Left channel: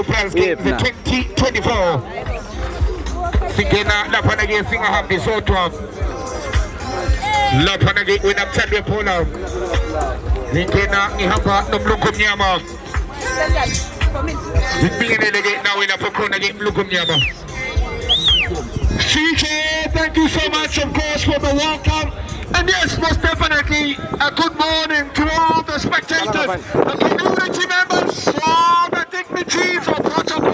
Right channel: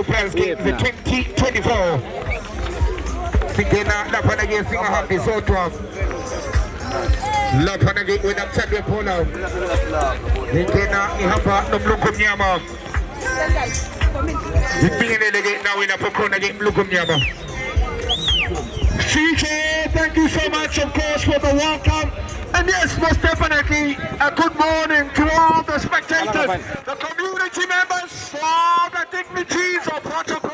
Prals game the 2024. Sigena la panage singa have the sotwa. La panage win up Sunday Polo. Sigena ihapa no mlukum nyama. Sigena lege now in a pokona game mlukum nyama. CJ, thank you so much, of course, for the welcome. And yes, most definitely, a good morning to all the spectators, the community members, all the dignitaries of protocol.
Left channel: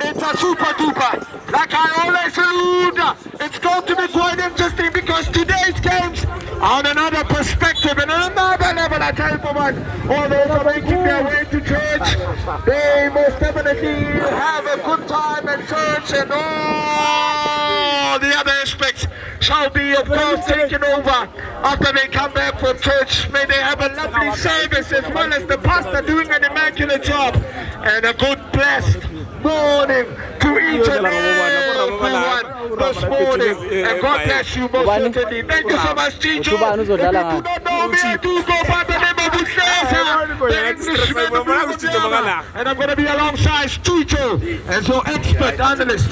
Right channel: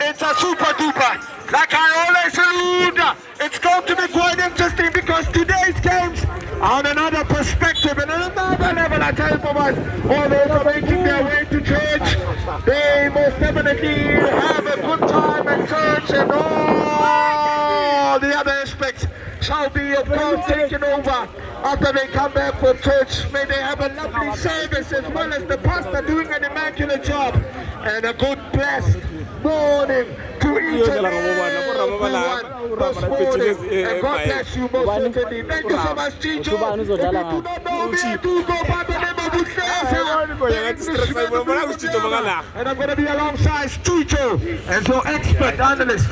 It's a super duper. Like I always allude, it's going to be quite interesting because today's games are on another perspective and another level. I tell you for what, all those are making their way to church. They most definitely have a good time at church, and all the other aspects shall be, of course, taken over after they come back from church. May they have a lovely service as well as the pastor doing an immaculate job. And a good blessed morning to each and everyone this morning. And God bless you most certainly. Thank you so much, Chicho. If you do not know me, I do go by the name of Mzansi. And I'm going to be alongside Chicho as your expert analyst.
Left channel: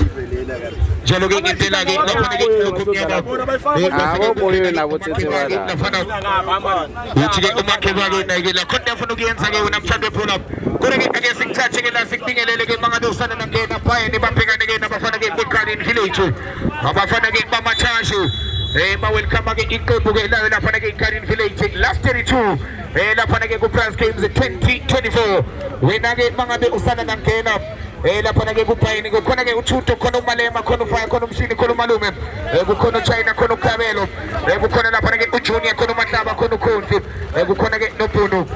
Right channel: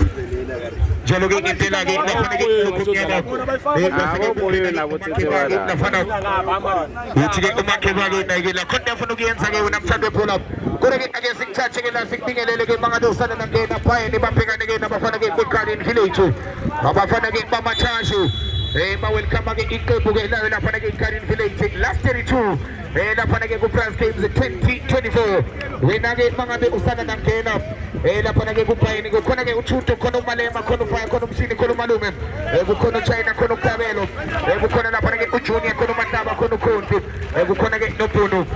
Jaloging in Telagi, last 32. Prals games 2024. When I get Manga Usana and Kena. La panage kupaini go konage ututo kono malema kono fire kono msini kono malume kono China kono Camelo kono la panage uchunia kono mataba kono konfi konage nopuno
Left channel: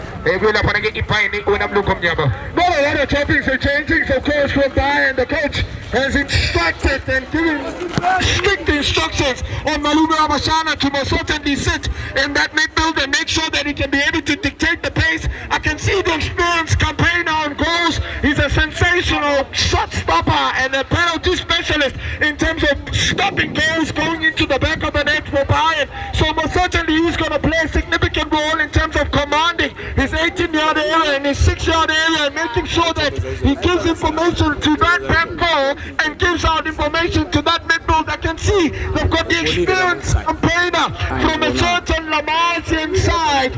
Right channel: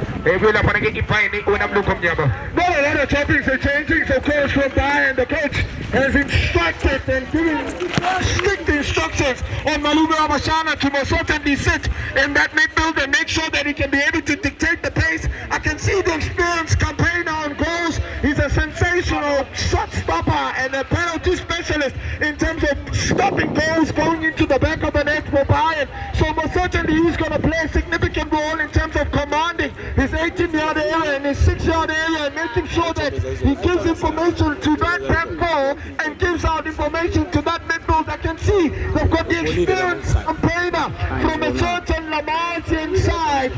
la panage ipaini una mlukom nyama. No, a lot of topics are changing, so coach from Bayern, the coach has instructed and given strict instructions on Malume Abashana to most certainly sit in that midfield and make sure that he can be able to dictate the pace. I can see the experienced campaigner on goals. He's a sensational shot stopper and a penalty specialist in terms of stopping goals going into the back of the net for Bayern. So most certainly he's going to play a significant role in terms of commanding his 18-yard area and his 6-yard area and making sure that he gives information to that back goal and gives out information to that midfield. I can see they've got the experienced campaigner from a certain Lamarzian side.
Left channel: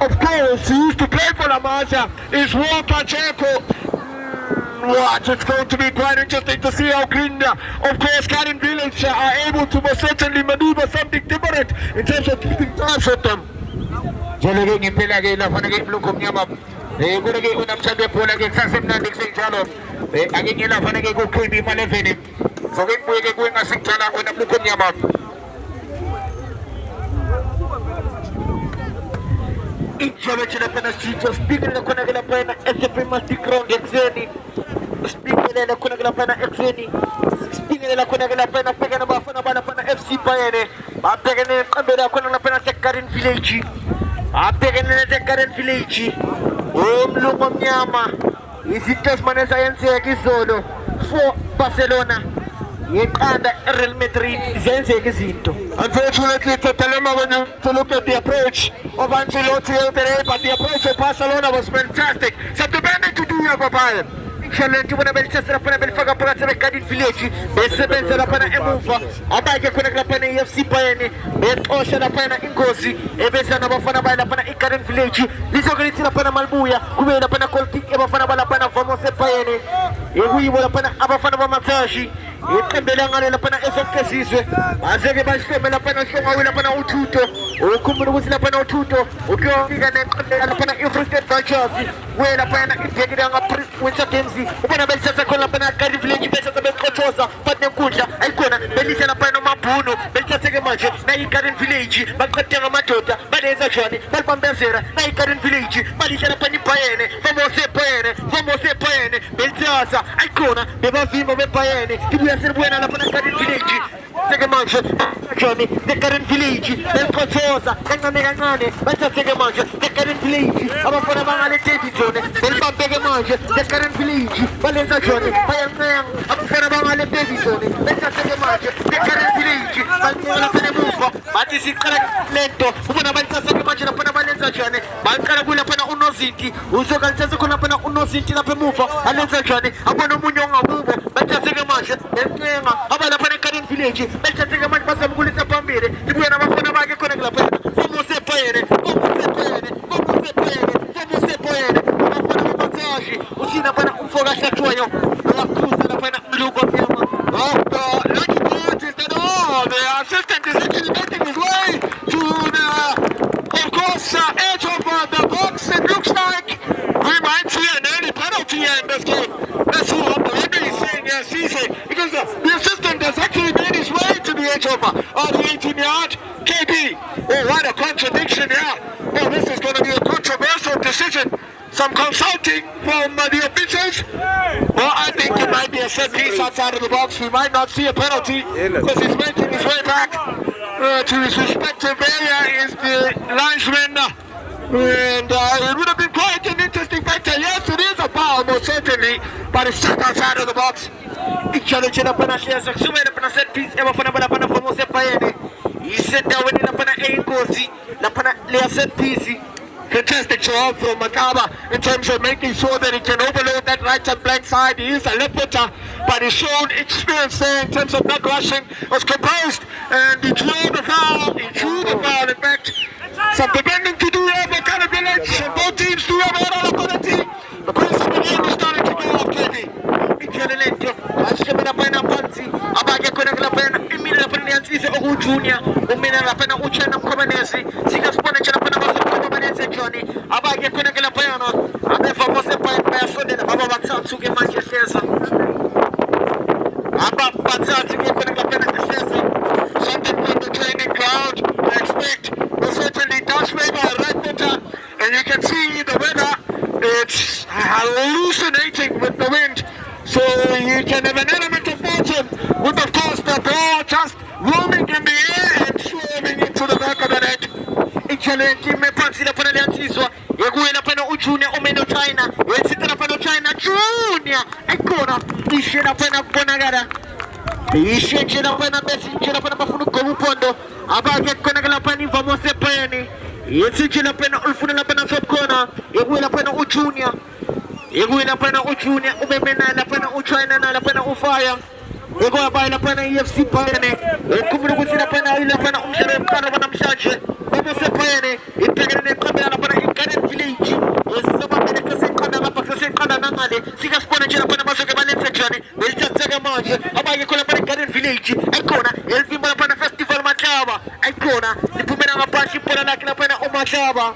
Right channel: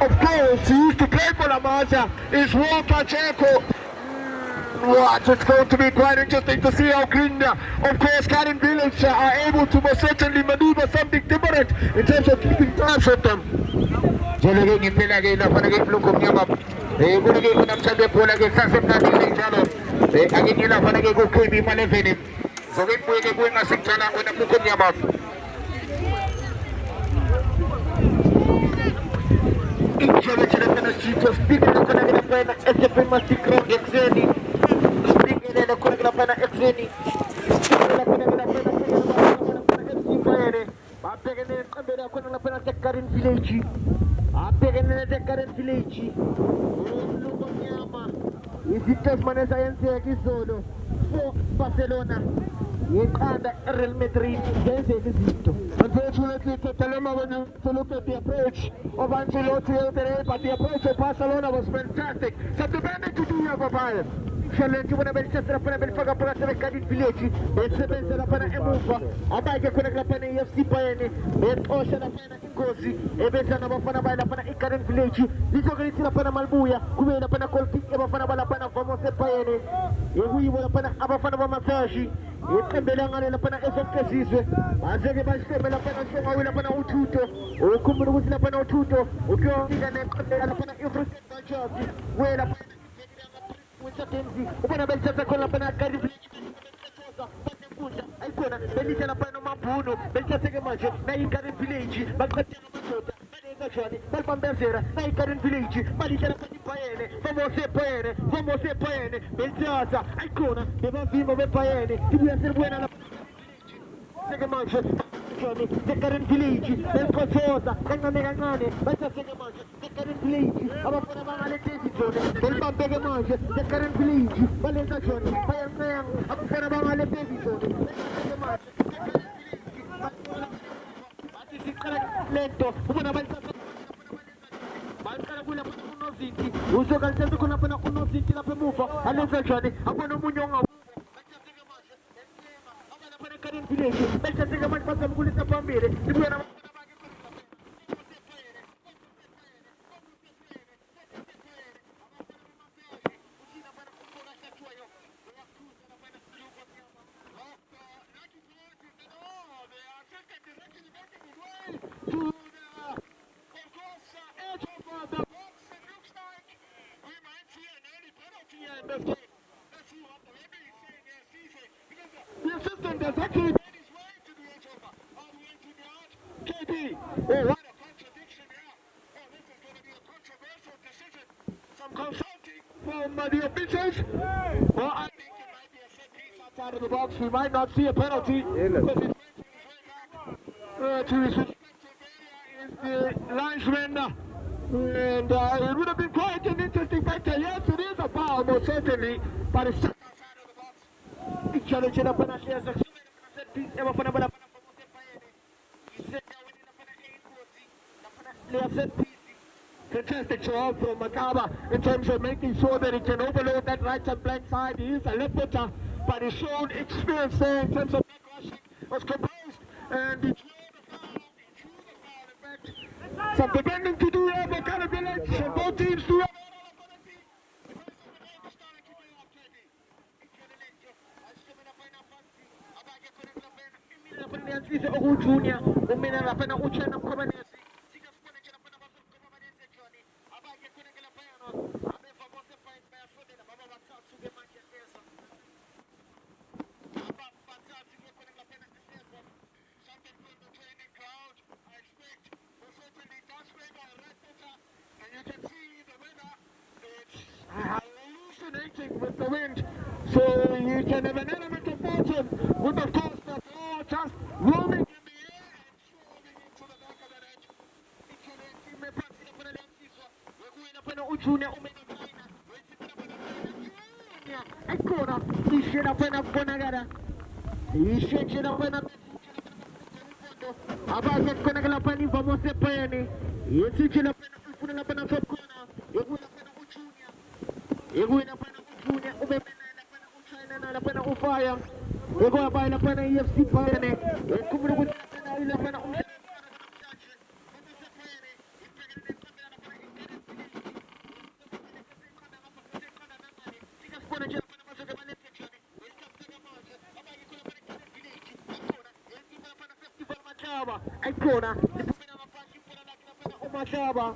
Of course, he used to play for Lamarza, is Walker Jericho. What? It's going to be quite interesting to see how Green, of course, Karin Village are able to most certainly maneuver something different in terms of keeping tabs on them. Jaloging in Pelagay, la panagay Lukum Yamap. Gunagay Unam Sabe Polagay, Sasem Nabi Jalo. Again, la panagay go Kubi Maleveni. So we go going as Jala when I'm Lukum Yamap. Each of the Penasito, speaking the Konagana, SFM must be ground at Zeni. Speaking in the Konagana Exeni, speaking in the Konagana, picking about FC Bayern. I'm taking a Konagana Karin Village. I'm taking a Karin Village. Lumonyama. Is it just Manasayan Gizono for Barcelona? Real Madrid. Unfortunately, Totalema, when you look at the approach of Ancelotti today, but the approach of Barcelona was fantastic. So the band to do your Bayern. Challenge when a Manchester upon a Belfaga Pratt Cardiff Village, Bessebenz upon a Emufa, Abaka Konagapana FC Bayern, Ben Ocean upon a Ingosi, Ebesan upon a Cardiff Village, this organization upon a Malbuya, who made upon a Goalkeeping upon a Balapana from Bayern, we were upon a Abafana Mzansi. iqembela ngale lapha na esokesizwe azeke bashome lapha na shonga lapha na uThuto ukhumbula ukuthi lapha na uThuto ukuyofika neqembela lapha na Free State Vultures we lapha na idekile nga Winter Games ubona belithatha khona lapha na Garden Village bethatha beqothoza bathe nkundla ayikhona belithatha lapha nomabhuno belithatheke manje na iGarden Village baqhathe ngamadoda balenza njani balibambezela na iGarden Village balithatha lapha ni Bayern vamos Bayern belithatha ayikhona bebavimba beBayern ibuya selibuya lapha na Garden Village Take manje Johnny the Garden Village belqothoza kancane bathatheke manje the Garden Village abafana bangale Davidson belibambeke manje the Garden Village balenza Johnny bayancenga abafana bangale Davidson bathatheke manje the Garden Village balinqola phela emuva bathi siqala lento ubona bathatheke manje lapha balenza Johnny baqala kulapha unozinti uzokalithatha khona lapha unozinti lapha emuva alenza Johnny abona umunye ongabubo bathatheke manje belcenga abalapha eGarden Village belithatheke manje basamkulisa phambili ibuya nabafana bakhe khona kulapha vamos Bayern abafana babathashi uthina phana umfoka ahlathwayo uyakhuza lapha mluko mnyama lucky punches that all the assistant is getting his way to the of course edge of the box. It looks like we might see an early penalty in this game. That's what the referee is saying here, CJ, because the assistant has actually made his way to the edge of the 18-yard. KB, oh, what a contradiction here. Oh, this is going to be a controversial decision. Some consulting from the officials. Well, I think it might be a set piece outside of the box. We might not see a penalty because he's making his way back to his respective area. Is the linesman. And it would have been quite an interesting factor. Yes, it is a foul, most certainly, but it's just outside of the box. Ichallenge up on a share, up on a set piece, ever for Bayern. He said that when up on a gozi, Lapana Lea set piece. Fantastic job from Makaba in terms of making sure that he can overload that right and blank side. He is a left footer, but he showed experience there in terms of not rushing, was composed, and he drew the foul. In fact, some depending to do have a kind of village, and both teams do have a lot of quality. The pace of the game is starting to go off, Kenny. Junior, umina lapena uchana mkomanezi, sikaspona chana pena mkomanezi Johnny, abage kuna kila payano, abefa mose paya sonde na baba batatu ke Manchester. Aba batatu ke kuna kila pena something from the training ground. I expect it certainly does favor a right footer, and you can see the weather, it's hallucinating with the wind. So you can have an element of fortune with, of course, the ball just roaming in the air and swerving into the back of the net. Ichallenge me pansi la pana lianziswa. Yeguye la pana Junior omeno China. Yesita la pana China Junior. Ancora isce la pana Bonagara. Isce la pana Messi, la pana Bafunu Komupondo. Abage kona la pani famose pani. Yesita la pana Ulfuna la pana Sopkona. Yeguye la pana Junior. Yeguye la pana Junior. Umemena la pana China na la pana Ufaya. Ego abaya la pana EFC Bayern. Kumuru kusina pana ile pana umshere mkano wana mshaje. Babo se Bayern. Itegene kamera la pana Garden Village. Saba beneka se kana la paksa se kana nangale. Sika spona jela pana maso ke balenza jani. Belta tsaga manje. Abaya kola pana Garden Village. Ekona elvimba la pana festival machaba. Ekona nipumena mapashi pona la kila pana umachaba.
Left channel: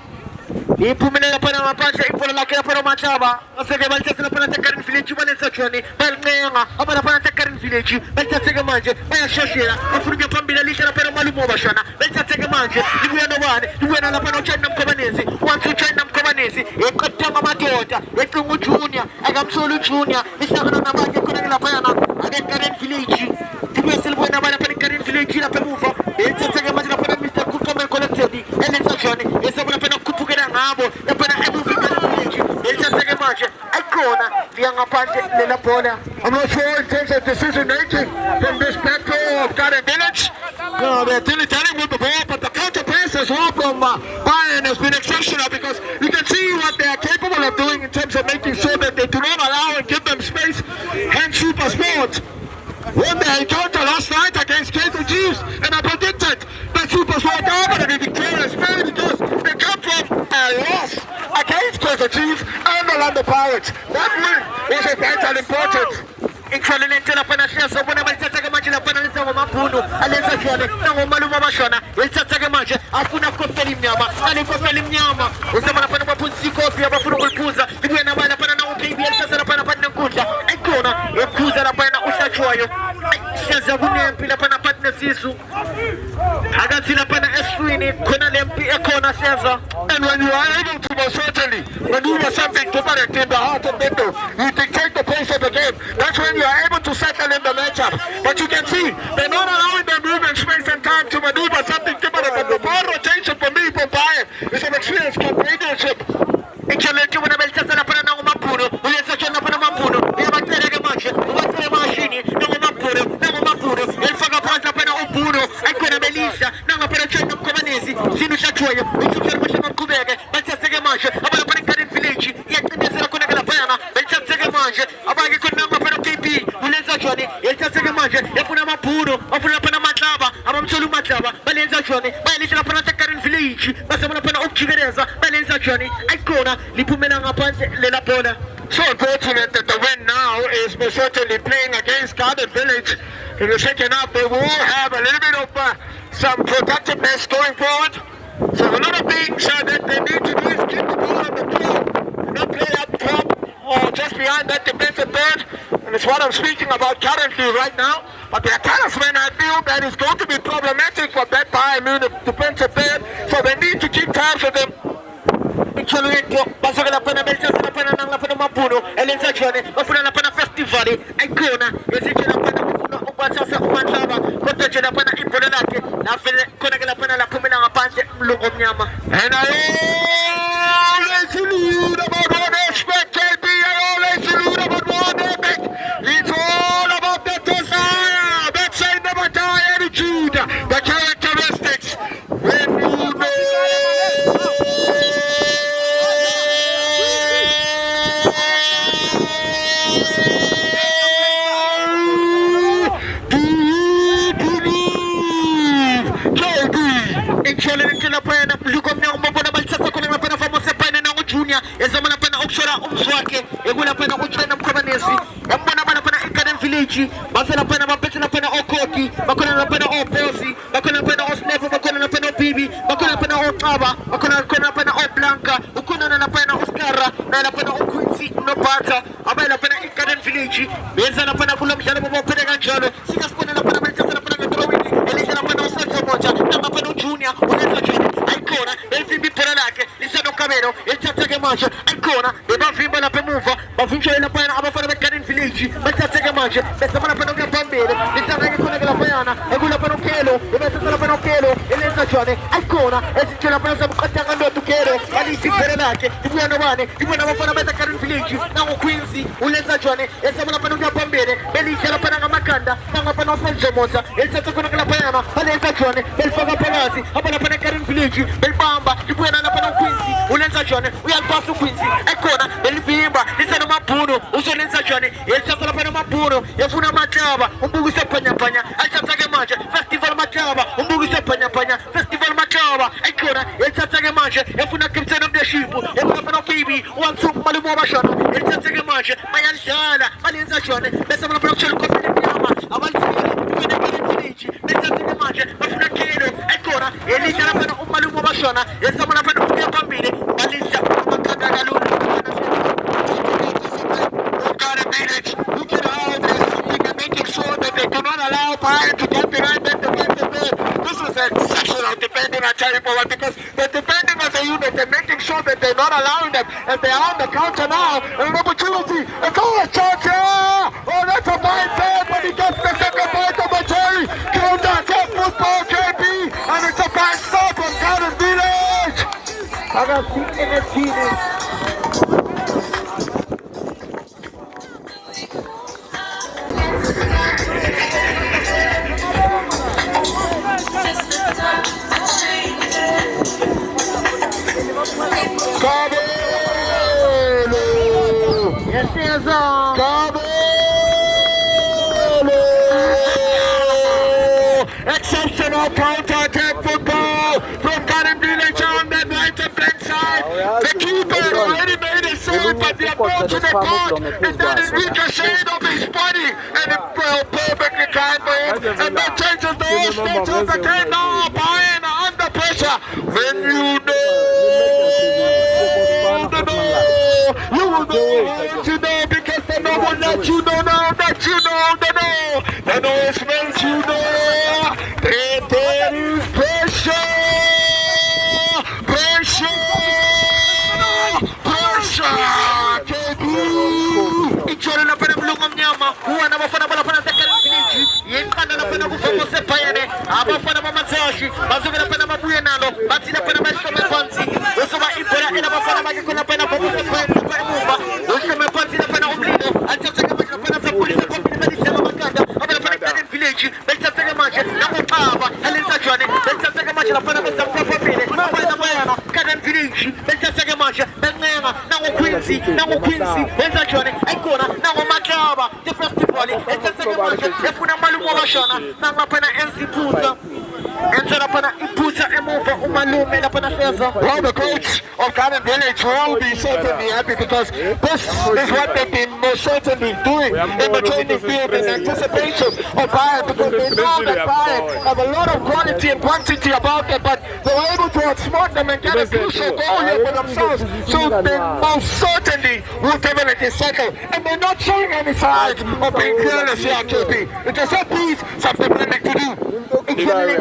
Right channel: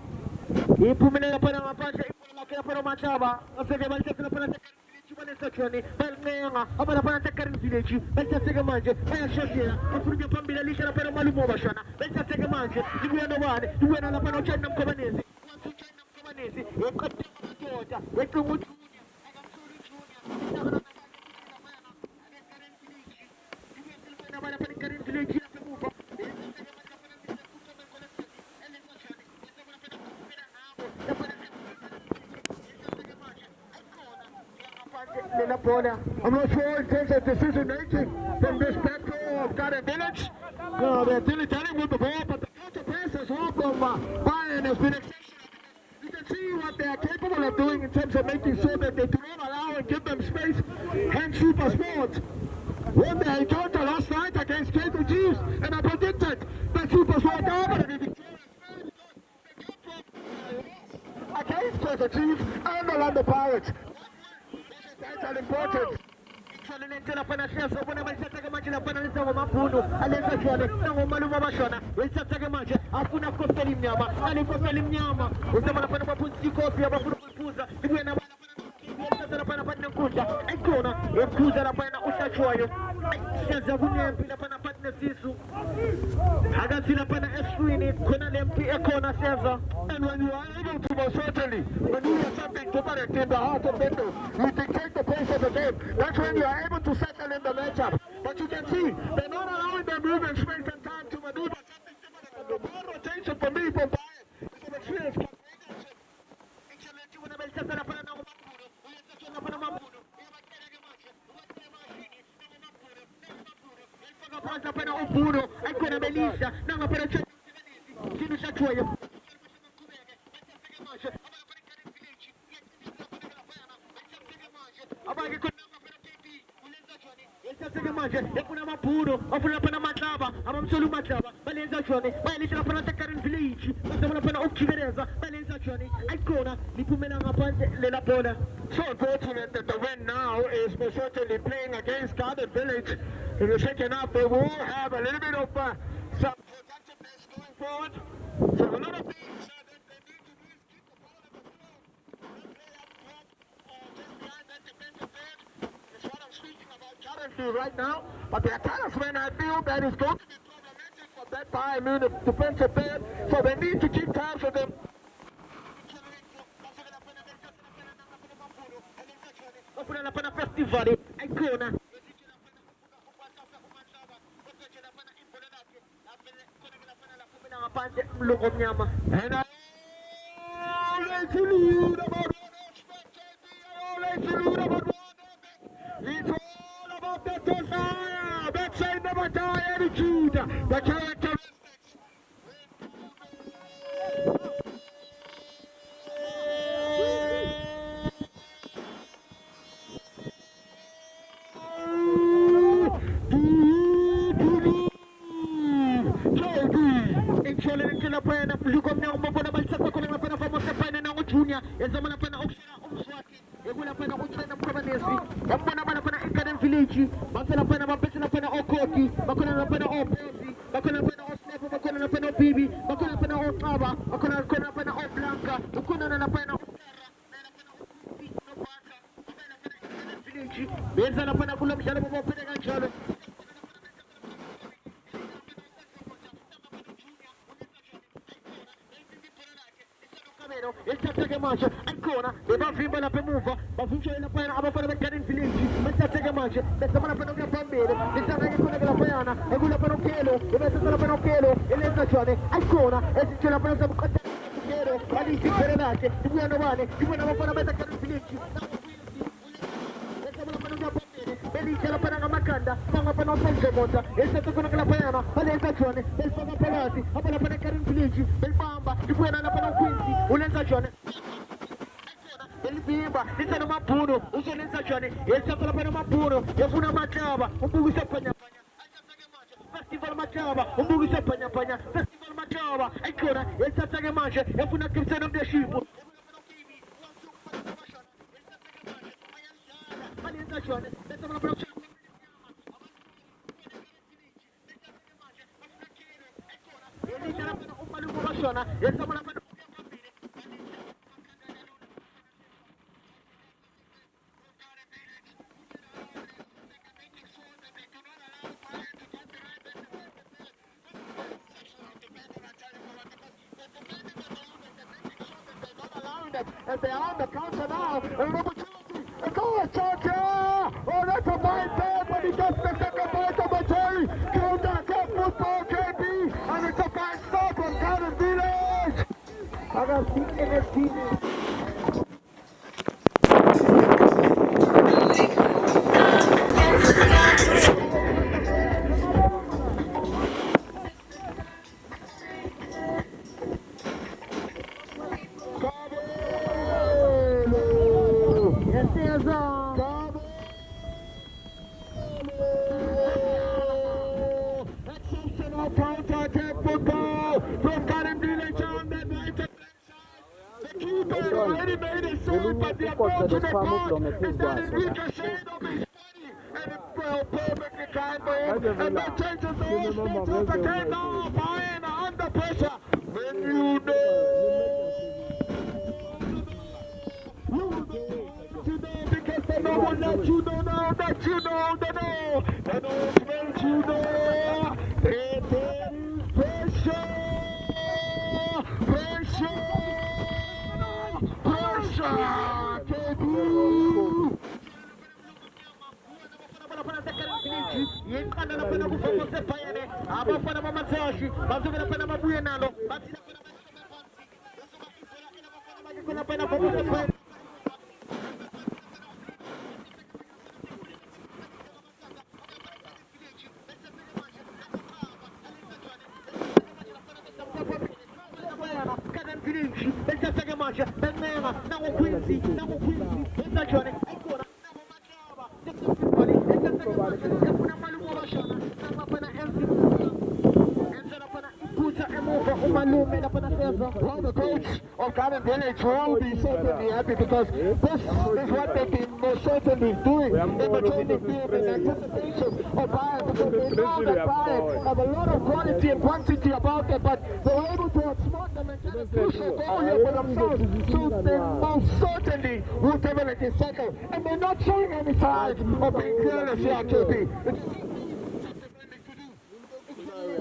Ipumela pana mapashi ipola la kila pana machaba. Asege balta la pana Garden Village balenza jani. Belnga abana pana Garden Village. Belta tsaga manje. Baya shoshera. Afurika pambila lisha la pana malumo bashana. Belta tsaga manje. Ibuya no bane. Ibuya la pana China mkobanezi. Wantu China mkobanezi. Ekatama matota. Ekungu Junior. Agamsolu Junior. Misakana na bage kuna la pana. Ade Garden Village. Ibuya silbuya na bana pana Garden Village la pemuva. Belta tsaga manje la pana Mr. Kukamel collected. Elisa Johnny. Esa bana pana kupugera ngabo. La pana Ebu Garden Village. Belta tsaga manje. Ekona. Lianga panje lela bola. I'm not sure in terms of decision making from this battle of Garden Village. They're telling with the ball, but the counter pass as well from Bayern has been exceptional because you can see what they are capable of doing in terms of making sure that they do not allow and give them space. Hence Super Sport won their encounter last night against Kaiser Chiefs, and I predicted that Super Sport are going to be victorious mainly because they come from a loss against Kaiser Chiefs and the Orlando Pirates. That win was of vital importance. Excelente la pana scienza, buona malzata che mangia la pana nel suo mapuno, all'esazione, non un maluma bashona, il zazza che mangia, affuna coffeli mnyama, ali coffeli mnyama, usama la pana mapunzi coffee, abafuna kulpuza, ibuya na bana pana na ukibi, el sasa la pana pana kuja, ekona, ekuza la pana ushachoyo, scienza bunempi la pana pana sisu, agati la pana eswini, kona lempi ekona scienza. And when you are able to most certainly maneuver something to put it in the heart of the window, you dictate the pace of the game. That's when you are able to settle in the matchup. But you can see, they're not allowing them movement, space and time to maneuver something different. But the ball rotation for me, for Bayern, is an experienced companionship. Excelente una bellezza la pana na mapuno, uleza chona pana mapuno, e battere che mangia, battere machini, non mapuno, il faga passa pana opuno, ancora bellissima, non appena c'è un comanesi, sino chachoyo, il super machine kubege, bellezza che mangia, abbiamo pana cari felici, e che mi sarà con la pana, bellezza che mangia, abbiamo con nama pana KP, uleza choni, il bellezza che mangia, e kuna mapuno, oppure pana matlava, abbiamo solo matlava, bellezza choni, bellezza la pana cari felici, basta pana pana occhigereza, bellezza choni, ancora li pumenanga pante le la bola. So unfortunate that the win now is most certainly playing against Garden Village. In the second half, they will have a little bit of some protectiveness going forward. So a lot of things that they need to do is keep the ball on the field, not play up top or just behind that defensive third. And it's what I'm speaking about currently right now. But the talisman, I feel that is going to be problematic for that Bayern Munich defensive third. So they need to keep tabs of them. Excelente, basta che la pana bellezza la pana non la pana mapuno, e l'esazione, ma fu la pana festivali, ancora, esige la pana un qualsiasi umantava, protegge la pana imponelate, la fede con che la pana la come la pante, lo comiamo. And I always salute about one aspect, KB, I always salute about one aspect. It's all about the desire, that same never die attitude, the characteristics. When you know Excelente la pena, lukom na umabona balsasa ko na pena famosa pena na junior, ezama na pena oksora umzwake, egula pena uchena mkomanesi, ambona bana pena ikadem village, basa na pena mapete na pena okoti, bakona na pena oposi, bakona na pena osnevo, bakona na pena bibi, bakona na pena otaba, bakona na pena oblanca, ukuna na pena oskara, na pena okwinsi no bata, abay na pena ikadem village, beza na pena kulam jalo mo pena ganjalo, sigas pena na pena balsasa na pena metrowini, elisa na pena osansa moja, na pena junior, unaweza jeni, ancora, il fimbi per l'anche, il seno camero, il tazza che mangia, ancora, e va fimba la pemuva, ma finché la pena, ma fare beccare in felici, ma il tazza che mangia, questa mana per non bambere, il tazza che con la pena, e quella per un chelo, e mette la per un chelo, e le stagioni, ancora, e se c'è la pena, siamo cantando a tu chelo, e lì si per l'anche, ti vuoi andare, ti vuoi andare a fare beccare in felici, siamo quinzi, una stagione, e siamo la per non bambere, e lì c'è la pena a macanda, siamo per non fare mossa, e il tazza con la pena, e le stagioni, e il faga palazzi, appena per Karim Village, bel bamba, di cui non appena quinzi, un'ensagione, we al passo quinzi, eccola, bel bimba, di seno mapuno, uso l'ensagione, e il santo la pena mapuno, e fu una mangiava, un buco se pagna pagna, al santo che mangia, festival mangiava, un buco se pagna pagna, festival mangiava, eccola, e il santo che mangia, e fu una cripsena di scipo, e fu una pena kiwi, un succo, ma le muova sciano, e il santo che mangia, ma è sciana, ma l'ensagione, pensa una pena c'è il costo di piama, avanzare, due ne Karim Village, il santo che mangia, ma fu una chilo, eccola, e lì c'è la pena un malumo bashona, e stiamo la pena un bambini, ma lì c'è una mancata da luna. Look at all this, they're making sure that they do not allow Bayern to get behind them defensively. This is exceptional defending at Cherry Forward because they're defending as a unit, they're making sure that they're not allowing them, and they are on the counter now, and an opportunity, a goal shot here! Oh, that's a fine save, but he gets the second point of the Cherry, counter attack football, KP, and it's a fine start from Garden Village! Ragazzi, energia. Exceptional counter-attack football from Garden Village on that right and left side. The keeper already made a save, but the ball to the court, and then it ricocheted off his body, and it fell perfectly timed for him, and that changes the whole state of the game. Now Bayern under pressure. When you know, you will know what you know, because they know what that you don't know, that you know, they know. They know it makes you know. There is pressure. Ichora na pena mlunga mnyama huwa na mafana bala pena tekari finiki yenkana na pena kufamo sepayane abafana mamazashi bazuga na pena mabuye nalo bati na pena maisha mefansi usoma ipora ina mafana magiko na pena kufamo sepayane na pena mufa usoma mefansi na pena umlino atataka maji na pena sapuli na kwa pina madisha mamakanda abana pena kani village betataka maji na mutaba halinza chwane betataka maji na pena mesa kwa pile mabana bayana kani village betataka maji benenga na Quincy, wenza chone, aikona, na wamakaba, the festival, it's a second market, and put a malumo shana, na mapana enzi puta, and set up an imputa and move umalume and upon a fesa. Well, the coach of Garden Village will be certainly happy because this is what they've been most certainly doing in the training field in anticipation of Bayern, because they know that Bayern have a lot of quality and quantity about them, but they were able to outsmart them and get a crucial goal here for themselves. So they most certainly will definitely settle, and they're not showing any signs of being careless here, KP. It's just a piece something they like to do. It's really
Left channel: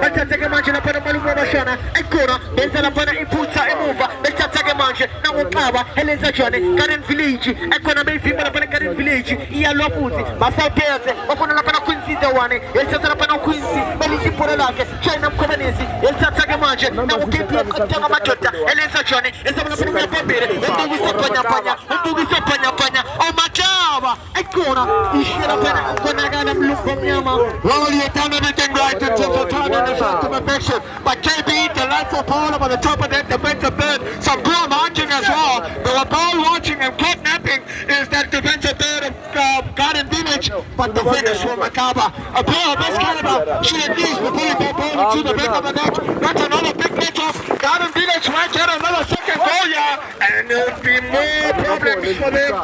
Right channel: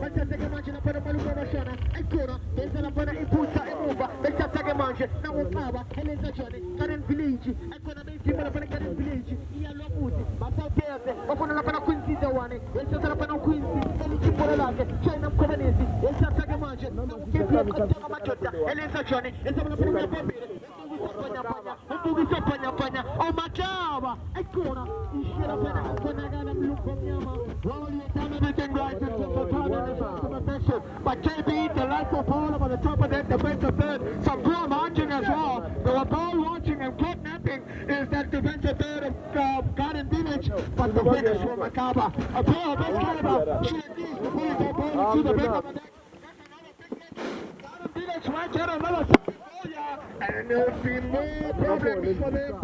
Betatake manje na pana malumo mashana aikona benza na pana impulsa emuva betatake manje na ukaba eleza chwane Karen Village aikona beifimba na pana Karen Village iya lofuzi masapeze bafuna na pana Quincy Dewane eleza na pana Quincy beliji pole lake China mkomenezi betatake manje na ukipia kutanga matota eleza chwane eleza na pana pembere ndugu panya panya o machaba aikona ishira pana kona gana mluko mnyama wali yatana everything right to turn on the perfection, but KB, the lights of Paul on the top of that defensive third, some goal marching as well. They were ball watching and kidnapping is that defensive third of Garden Village, but the finish from Makaba. A player of this caliber should at least be pulling that ball into the back of the net. That's another big matchup. Garden Village might get another second goal, yeah, and there'll be more problems for them.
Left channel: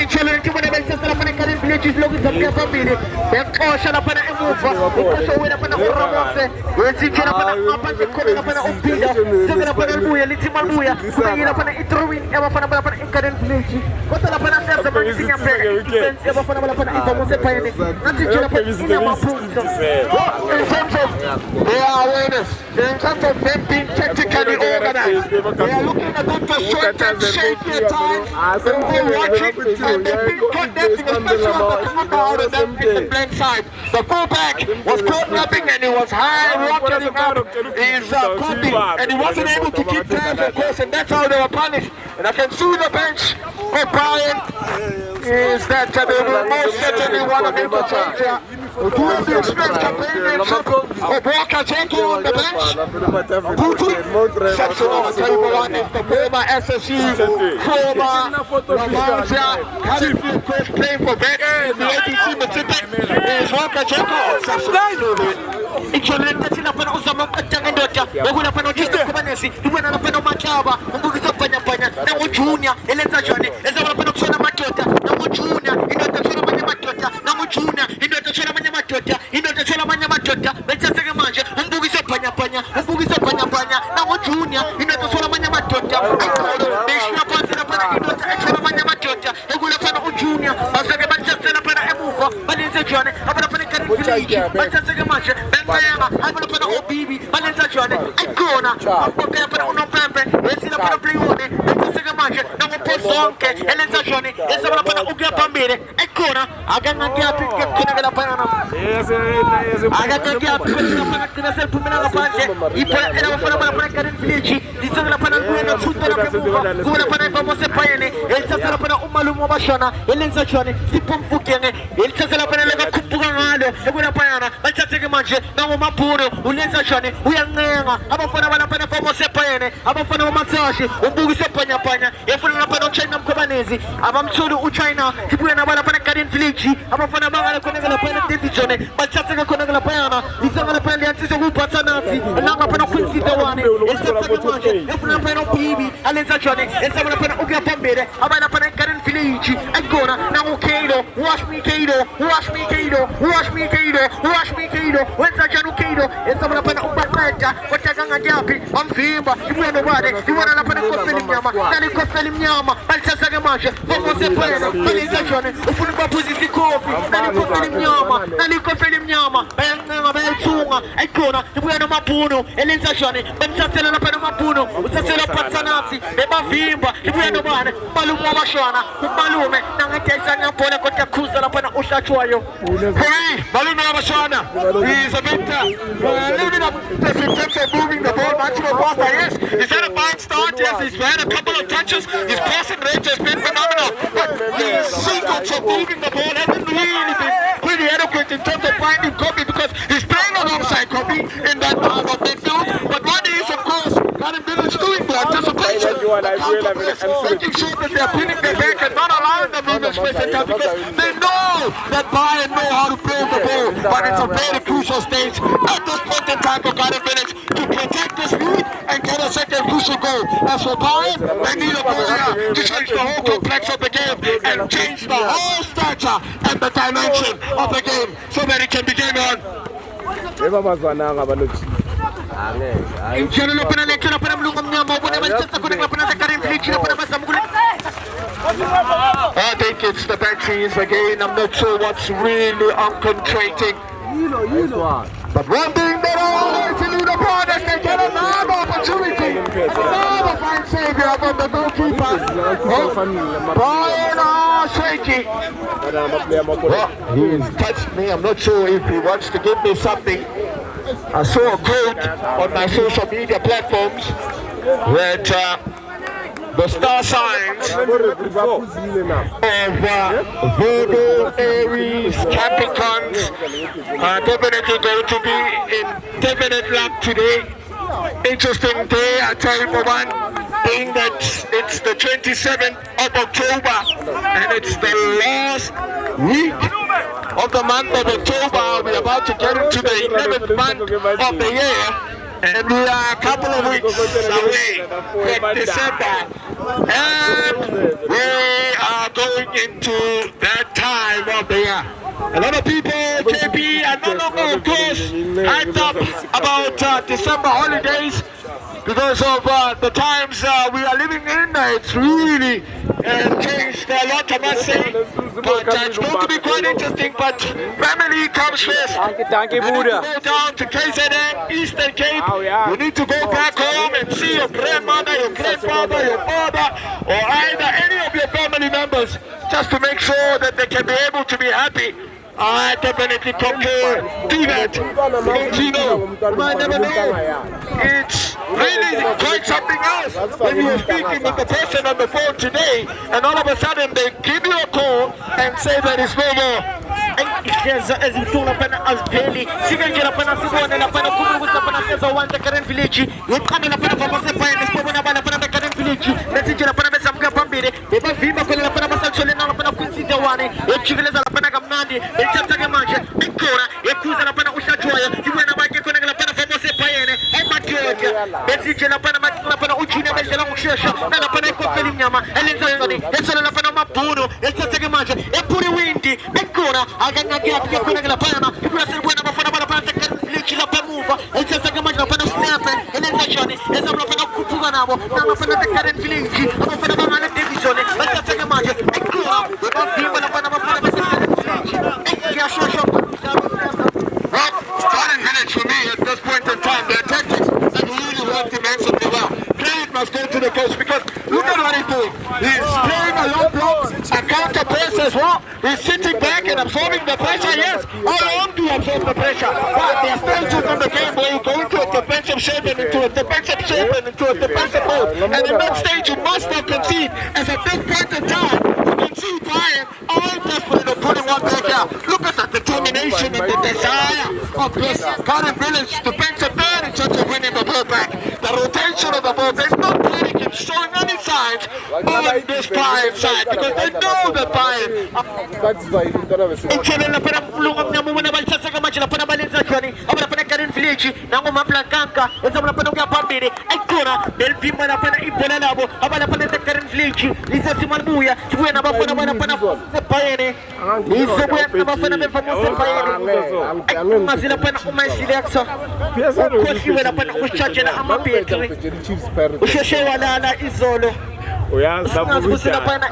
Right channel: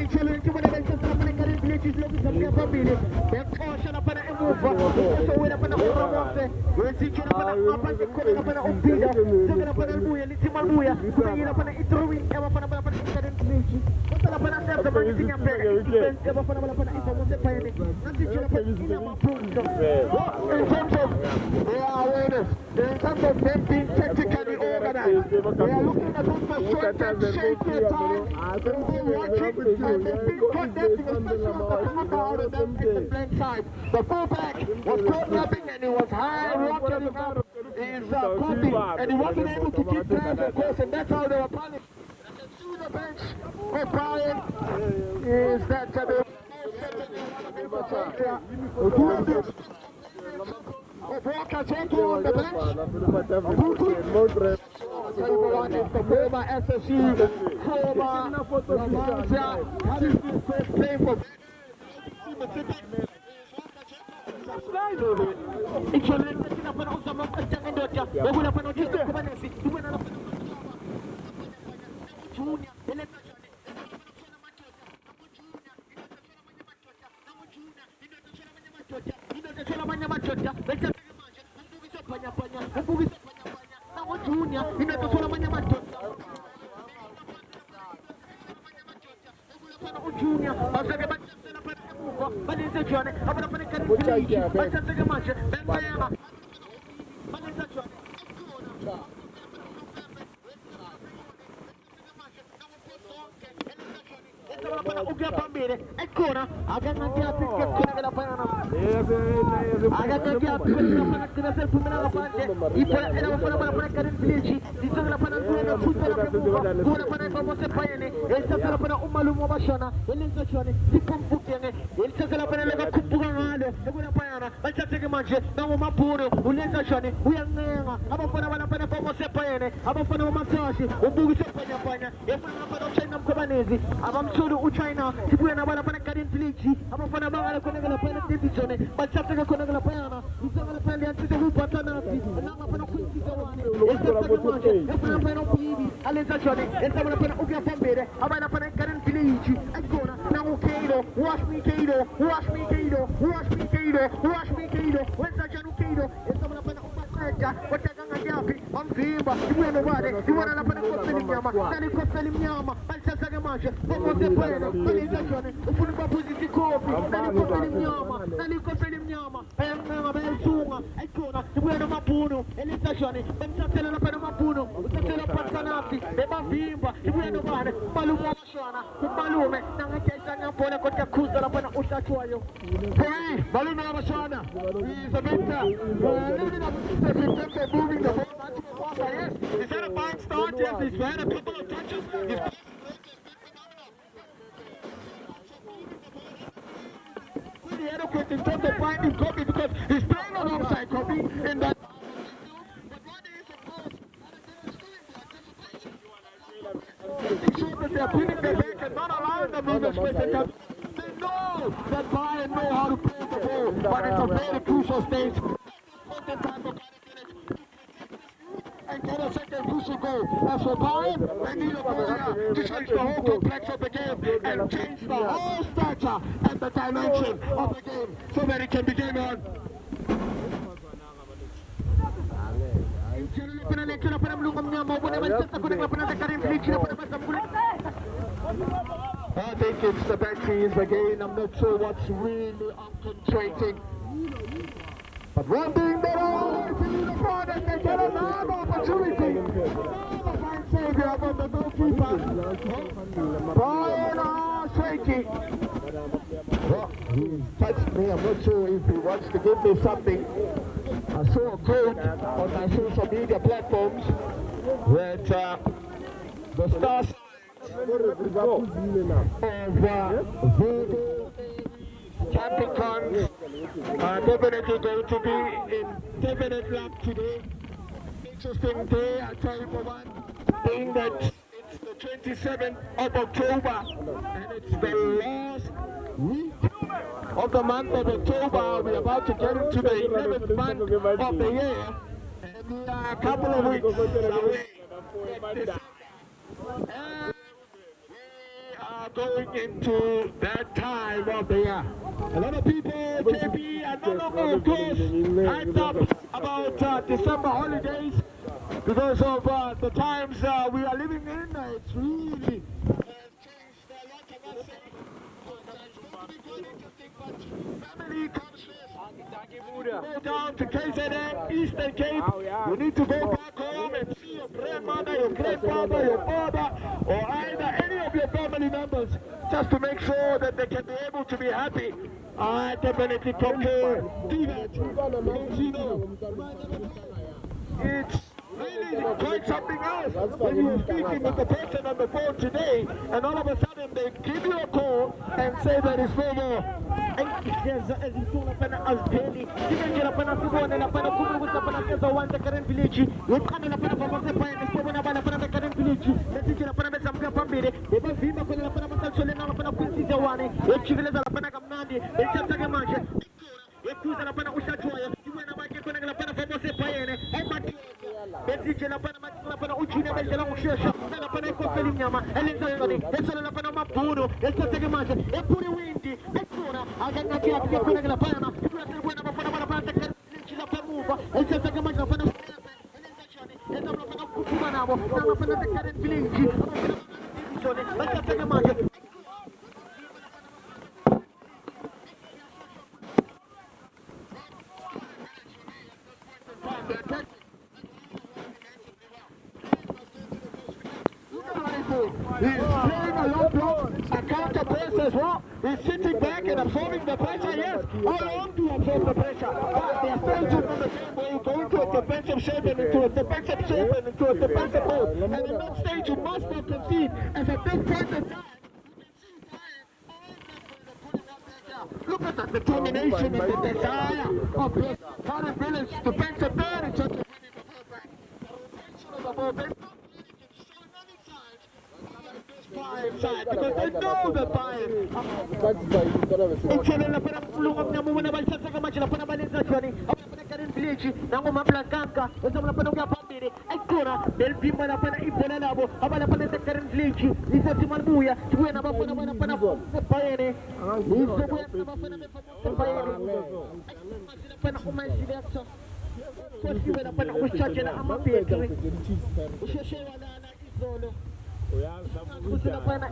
Inchele nti mwana bensa sala pana Karen Village is logi sabia family. Bekosha na pana emuva, bekosha wena pana uromose. Wensi chena pana mapanje kone na pana umpida. Soga na pana luya, liti maluya. Umengi na pana itruwin, eba pana pana Karen Village. Kota na pana sasa mani sinya pega. Bensi eba pana pana infamose payene. Nanti chena pana ina mapunto. In terms of they are awareness, in terms of them being tactically organized, they are looking at them for short and shaky at times. They're watching. And they've been condensing, especially on the football out of them in the blank side. The fullback was caught napping and he was high rocketing out his coping, and he wasn't able to keep tabs, of course, and that's how they were punished. And I can see the bench for Bayern is that they will most certainly want to make a change here. Who is the expert companionship of Walker Jenko on the bench? Putin, section of the table one is the former SSU, former Mzansi, California coach playing for Bayern, the ATC Pacific, is Walker Jenko. Ikioleta sina pana usama mkatanga ndocha, wakuna pana ujiste kumanesi, duwana na pana machaba, mbugiza panya panya, na ujunia, eleza jone, eza wana pana kusona matota, na ujunia, indote kusona manya matota, na ujunia, indote kusona manya matota, indote kusona manya matota, becha sege manje, mbugiza panya panya, na ujunia, indote kusona manya matota, aikolo, beshina pansi na pana indote kusona manya matota, wakuna pana ujunia, basage becha sena pana emufa, balize jone, apana pana Karen Village, becha sege manje, Bayern, I'm going to put a whole baby, but let's try it. I'm going to put a lapana playone balithatha manje nangopozo zonke elenzashoni esabona lapana ukuya phambili ekhona akangakiyapi khona lapana akangakiyapi lapana kina selphumela ngaphandle iphela elabafana lapana Garden Village lithenga lapana kuya thutela kamuva kuba lapana ibamo seBayern elithatha lapana umalume wabashona elenzashoni siphumfukenge elithatha lapana lekakhuphuka ngalo ekulapana balithathe manje nangomabhuru ulenzashoni uyancenga abafana balapana ibamo seBayern abafana bamasashi ubukise phanyapanya efuna lapana uChina mkhobanezi abamthuli uChina ibuye nabo lapana Garden Village abafana bangale khona lapana division balithathe khona lapana lisanga lapana liyatsisa kuphatha nathi langa lapana kwinsida wane esithathe manje efuna lapana uBibi alenzashoni esabona lapana ukuya phambili abana lapana Garden Village ekona nangu Kaido wash me Kaido wenza njani Kaido esabona lapana ubaqeda kodwa kangayapi bamvimba ibuye nobade ibona lapana kofeli mnyama balithatha manje bomose phela balenzashoni ufuna ukubaphuza isikhopi nalikofeli mnyama bayancenga bayayithunga ekona ibuye nomabhunu elenzashoni bamthathela lapana nomabhunu uthathela phathanathi bebavimba ibuye nobane umalume wabashona umalume nangadayisa ngabhola kodwa khuza lapana uhlatshwayo Hey, malume wabashona is a bit living up to moving the ball much more faster. Yes, he's had a fine start. Yes, he's had a couple of touches. His passing range has been phenomenal. But his sequence of moving the ball hasn't really been pretty adequate in terms of finding Kobe because he's playing alongside Kobe in that part of midfield. But what is, of course, Garden Village doing the anticipation, making sure that they're pinning their back and not allowing them movement space and time because they know that Bayern know how to play the ball. But it's a very crucial stage at this point in time for Garden Village to protect this lead and get a second crucial goal. As for Bayern, they need a goal here to change the whole complex of the game and change the whole stature and the dimension of the game so that it can begin on. I think it's the batteries again. I'm not sure what's really concentrating. But one thing that I want to lead upon is they get another opportunity. Another fine save here from the goalkeeper. Brian shaky. Well, he's touched me. I'm not sure if he wants to give me something. I saw a quote on my social media platforms that the star signs of Virgo, Aries, Capricorns are definitely going to be in definite luck today. Interesting day, I tell you for one, being that it's the 27th of October and it's the last week of the month of October. We're about to get into the 11th month of the year. And we are a couple of weeks away from December. And we are going into that time of the year. A lot of people, KP, are no longer, of course, hyped up about December holidays because of the times we are living in. It's really changed a lot, I must say. But it's going to be quite interesting, but family comes first. Danke, Bruder. Go down to KZN, Eastern Cape. You need to go back home and see your grandmother, your grandfather, your father, or either any of your family members, just to make sure that they can be able to be happy. I definitely concur. Do that. Don't you know? You might never know. It's really quite something else when you're speaking with the person on the phone today and all of a sudden they give you a call and say that it's no more. ezinhlungu lapana aziveli sikanje lapana sibone lapana kubukuthi lapana seza wanda Garden Village uqanda lapana famose Bayern sibona bana lapana Garden Village lesinje lapana besamuka phambili bebavimba khona lapana basalithole lapana kwinsida wane ejikeleza lapana kamnandi elithatha manje ikhona ekhuza lapana uhlatshwayo ibona bakhe khona lapana famose Bayern emadyoka besinje lapana ujina bedlela ngokushesha lapana ikofeli mnyama elenza ngani esona lapana mabhunu elithatha manje ephuri windi ekhona akangakiyapi khona lapana ibona sibona bafana lapana Garden Village lapha muva elithatha manje lapana snap elenza njani ezamla lapana ukukhuphuka nabo lapana Garden Village abafana bangale division elithatha manje ekhona bebavimba lapana bafana Garden Village yashosho. Well, Garden Village for me at this point in time, their tactics have really worked immensely well. Played must go to the coach because look at what he's doing. He's playing a long block, a counter press as well. He's sitting back and absorbing the pressure. Yes, how long do you absorb the pressure? But there are stages in the game where you go into a defensive shape and into a defensive shape and into a defensive mode. And in that stage, you must not concede. As at this point in time, you can see Bayern all desperately putting one back out. Look at the determination and the desire of this current village defensive third in terms of winning the ball back. The rotation of the ball, they're not panicking, showing any signs on this Bayern side because they know that Bayern. Inchelele para mlungu mnyamu na balisa saka machi na para balenza chwani. Abara para Karen Village na ngoma Blancanka. Eza mna para ngapambire. Aikora Belvimba na para ibola labo. Abara para Karen Village. Lisa Simalbuya. Chwe na bafana bana para Bayern. Lisa buya na bafana be famoso Bayern. Mazila para umaisile aksa. Koshi wena para uchaje na amapetri. Usheshe wala ala izolo. Usikusila pana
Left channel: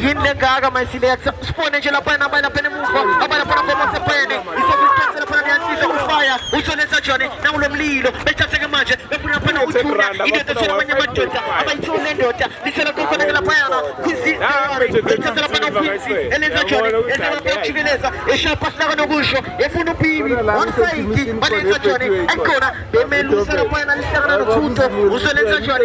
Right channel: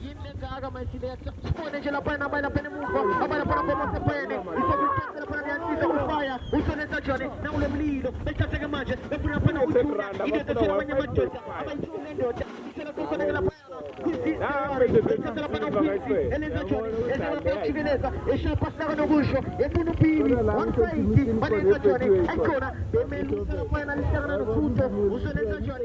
yinde gaga maisilexa spone nje lapha na bana pene muva abana pana kwa sepene isokuthesela pana yanisa ufaya usonesa jone na ulomlilo bethatheke manje befuna pana uthula into thela abanye amadoda abayithole ndoda lisela kokona lapha yana kwisi bethathela pana kwisi elenza jone ezela bechikeleza eshapa saka nokusho efuna uphimi one side balenza jone ayikona bemelusela pana lisaka nothutho usonesa jone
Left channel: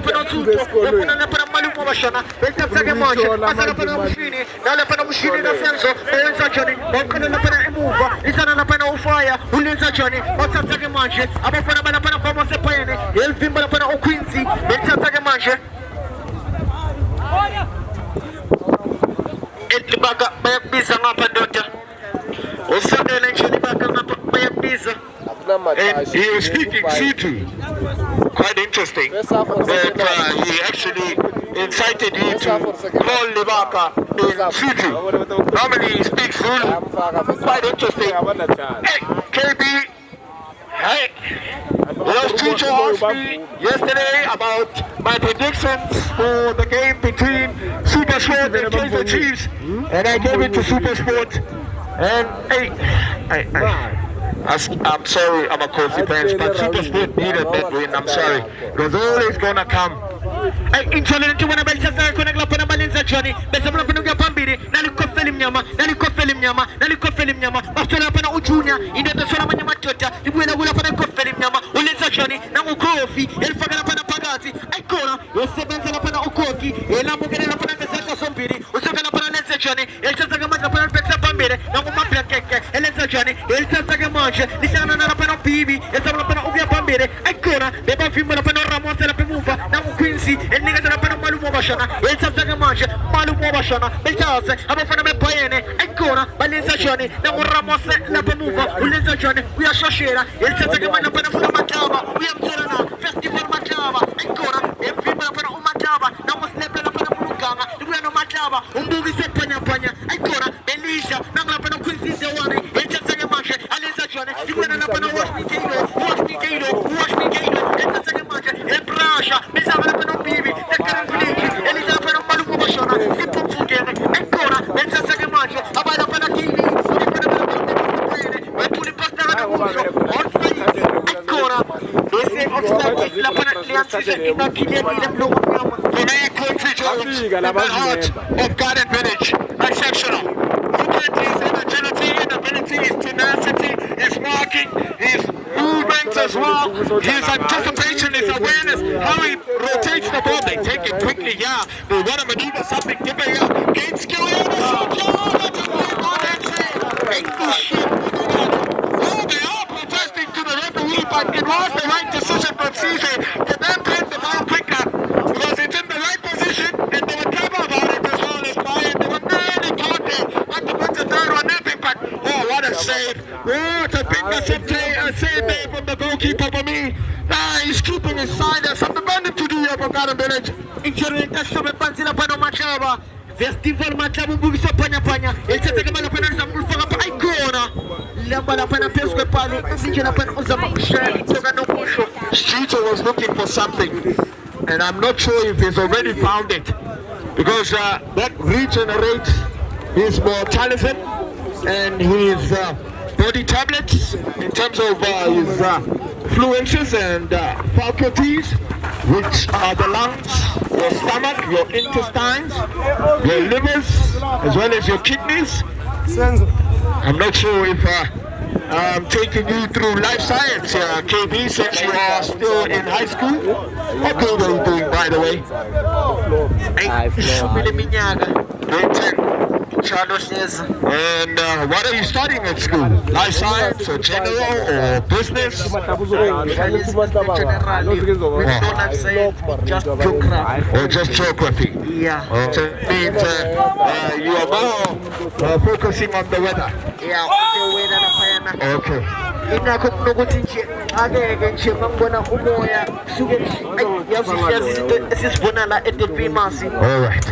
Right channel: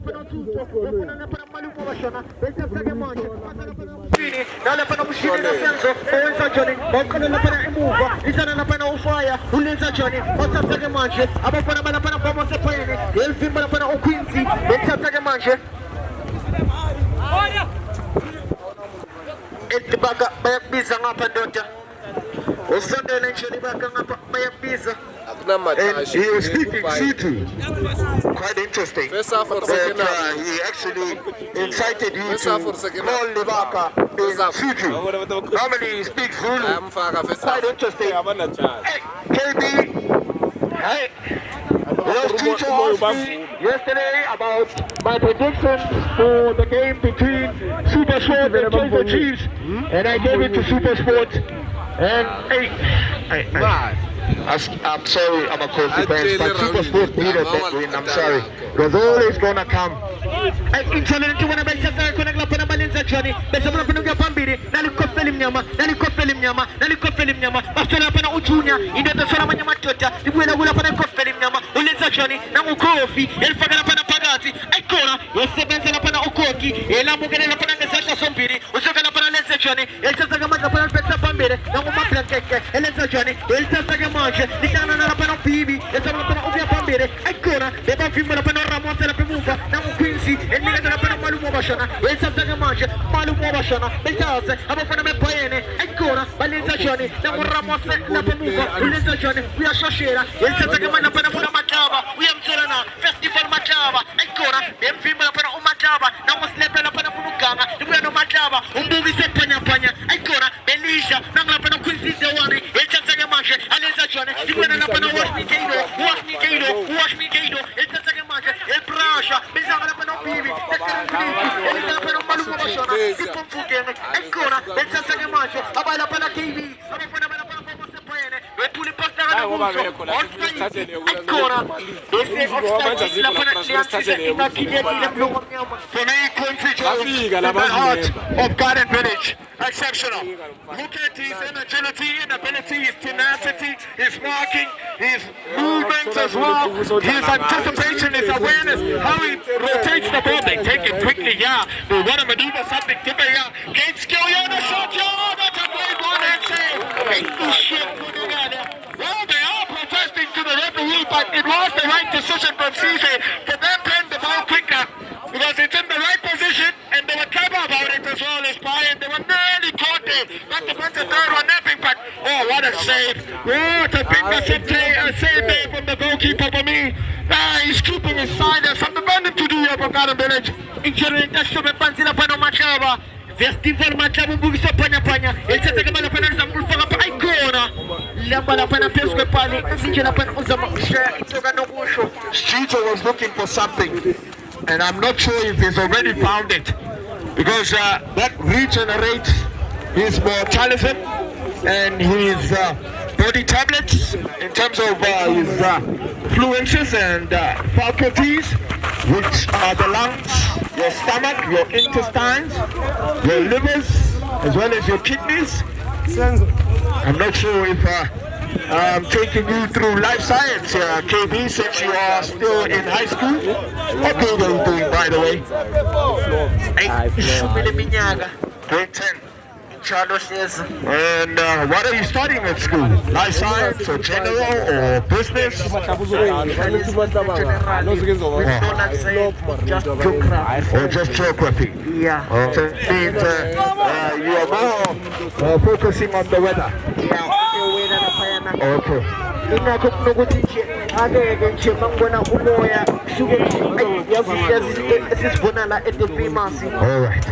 para tudo, eu não para maluco bashana, ele tá pegando manja, passando para o machine, dá para o machine da Senso, ele tá Johnny, o cara não para emuva, isso não para o fire, o Lenza Johnny, o tá pegando manja, a boa para como você põe ele vem para o Quincy, ele tá pegando manja. Ele baga, vai pisa na pandota. O sangue ele enche de baga na vai pisa. And he was speaking Sutu. Quite interesting. But he actually incited you to call Libaka in Sutu. Normally he speaks Zulu. Quite interesting. Hey, KB, hey. Those teacher asked me yesterday about my predictions for the game between Supersport and Kaiser Chiefs. And I gave it to Supersport. And hey, I'm sorry, I'm a Kofi fan, but Supersport needed that win, I'm sorry. Because always gonna come. Insolente wana balisasa kuna glapana balenza chani. Besa mna panu gapambiri. Nali kofeli mnyama. Bafana pana ujunya. Inde tasora manyama chota. Ibuela gula pana kofeli mnyama. Ulenza chani. Nangu kofi. Elfagana pana pagazi. Aikora. Yosebenza na pana ukoki. Elamugene na pana ngesaka sombiri. Usogana pana lenza chani. Elsa gama pana pesa pambire. Nangu mapla keke. Elenza chani. Elsa gama Dicana na pana pibi. Elsa pana ubia pambire. Aikora. Beba fimbo na pana Ramos la pemuva. Nangu Quincy. Eniga na pana malumo bashana. Elsa gama malumo bashana. Elsa abafana be Bayern. Aikora. Balenza chani. Nangu Ramos la pemuva. Ulenza chani. We are Shoshera. Elsa gama na pana Makaba. We are Mzansi. Festival Makaba. Aikora. Fimbo na pana Umakaba. Nangu Slepe na pana Muluganga. We are no Makaba. Umbugi se panya. Aikora. Belisha. Nangu na pana Quincy Dewani. Elsa gama Alenza chani. Iguana na pana Wash me Kado. Elsa gama El Prasha. Elsa na pana Bibi. Elsa pana Malumo bashana. Ancora, Elsa gama abana pana Kini. Tuli pasta na uso. Ancora. Ese obstacle la pana Mzansi na kilia ile blue. For me, country in the heart of Garden Village. Exceptional. Look at his agility and ability, his tenacity, his marking, his movements as well, his anticipation, his awareness, how he rotates the ball. They take it quickly, yeah. They want to maneuver something different, yeah. Game skill, yeah, the shot, yeah. That's a great one, they are protesting to the referee, but it was the right decision from Cisse to then play the ball quicker because it's in the right position and they were clever about it as well as Bayern. They were really taunted, not to put the third one napping, but oh, what a save! What a big save from the goalkeeper for me. He's keeping his side. There's something burning to do here for Garden Village. Injury test to Mzansi la pana Machaba. Festival Machaba bugisa panya. Elsa gama pana Zambul pa Aikona. Lamba la pana pesque pali. Injury la pana uzama share. Itoga no pusho. Streeter was looking for something, and I'm not sure if he's already found it, because that regenerates his mortalism and his body tablets in terms of his influences and faculties, which are the lungs, your stomach, your intestines, your livers, as well as your kidneys. I'm not sure if I'm taking you through life science, KB, since you are still in high school. What grade are you doing, by the way? Grade 10. And what are you studying at school? Life science or general or business? Just geography. Or just geography? Yeah. So it means you are more focusing on the weather? Yeah. Okay. All right.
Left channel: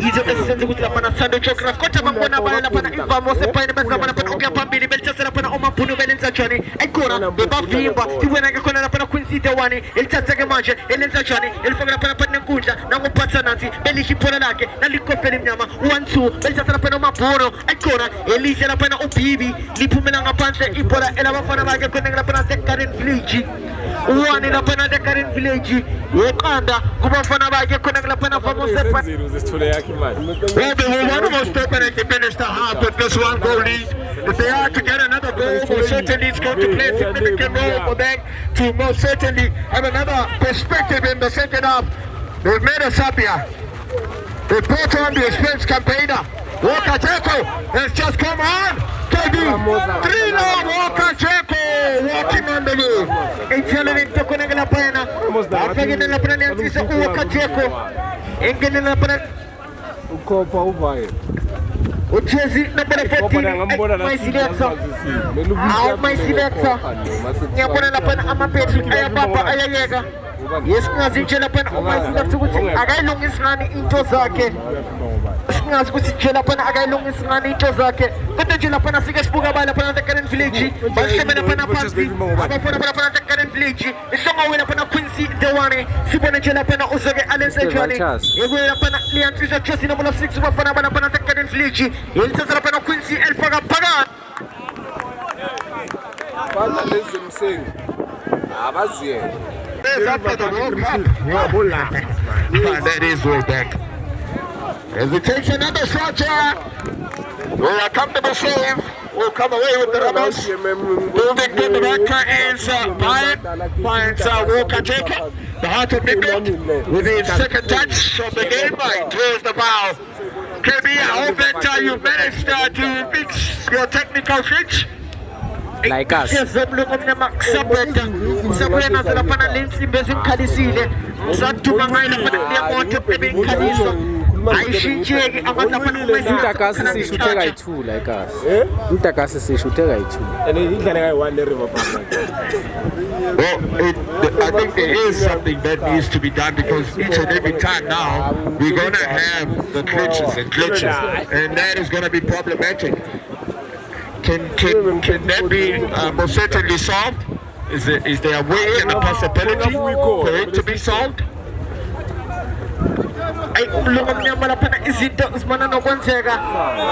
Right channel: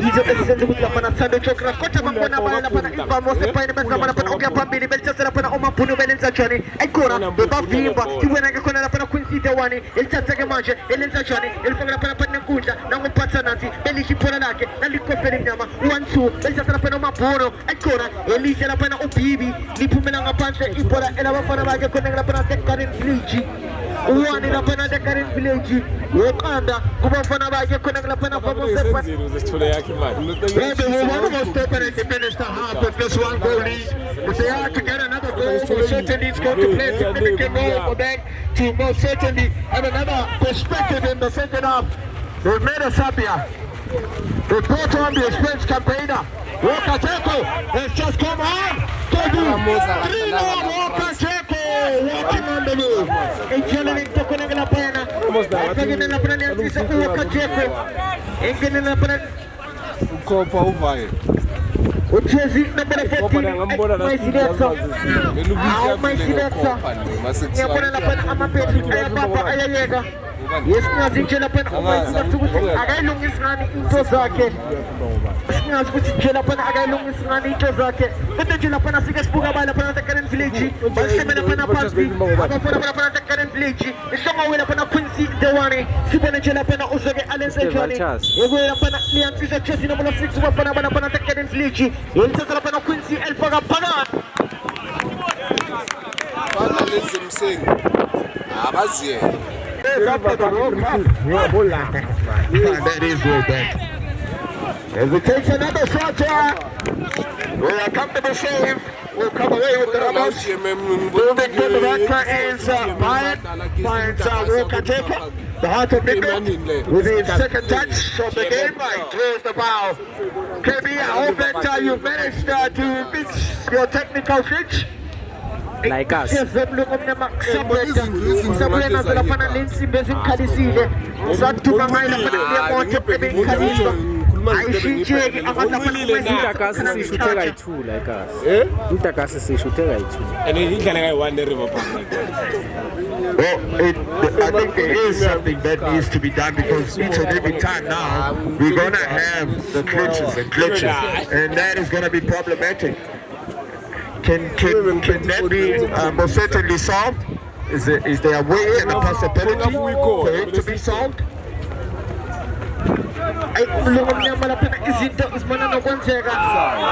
Hizo esenze ukuthi lapha Sunday geography kodwa bangibona baya lapha imvamo sepayini bezamana lapha okuya phambili belithasela lapha omabhunu belenza njani ayikona bebavimba ibona ke khona lapha Queen City 1 elithatheke manje elenza njani elifaka lapha nenkundla nangophatha nathi belisho iphola lakhe nalikopela inyama 1-2 belithathela lapha omabhunu ayikona elihle lapha uBibi liphumela ngaphandle ibhola elabafana bakhe khona lapha eGarden Village uwani lapha eGarden Village yeqanda kubafana bakhe khona lapha famous Well, they will almost open and finish the half with this one goal lead. If they are to get another goal, most certainly it's going to play a significant role for them to most certainly have another perspective in the second half. They've made us happier. They brought on the experienced campaigner. Walker Jeko has just come on. KB, 3-0 Walker Jeko walking on the move. Intelligent to connect the pena. After getting the penalty, it's Walker Jeko. Engine the penalty. Uchezi number 14 my selector my selector nyabona lapha amaphetri ayabamba ayayeka yesingazi nje lapha my selector ukuthi akayilungisa ngani into zakhe singazi ukuthi nje lapha akayilungisa ngani into zakhe kodwa nje lapha afika sibuka bala lapha eGarden Village basheme lapha phansi abafuna lapha eGarden Village isongo wena lapha Quincy the one sibone nje lapha uzoke alenze njani yebo lapha liyantsisa Chelsea number 6 bafana lapha eGarden Village yelithatha lapha Quincy elifaka phakathi bana lezimsengi abaziye after the World Cup. That is World Bank. As it takes another shot here, we are comfortable save. We'll come away with the runners. Moving to the right corner is Bayern. Finds Walker Jacob, the heart of England, with his second touch of the game. He throws the ball. KB, I hope that you managed to fix your technical switch. Like us. Yes, look up the max. Sabrina Zalapana Lindsay Basin Kadisile. Satuma Mila Monte Pebin Kadisile. Intakasi sishuteka i2 like us. Intakasi sishuteka i2. And he can one river park. Well, I think there is something that needs to be done because each and every time now we're going to have the glitches and glitches, and that is going to be problematic. Can that be most certainly solved? Is there a way and a possibility for it to be solved? Lumamnyama lapha izinto zimana nokwenzeka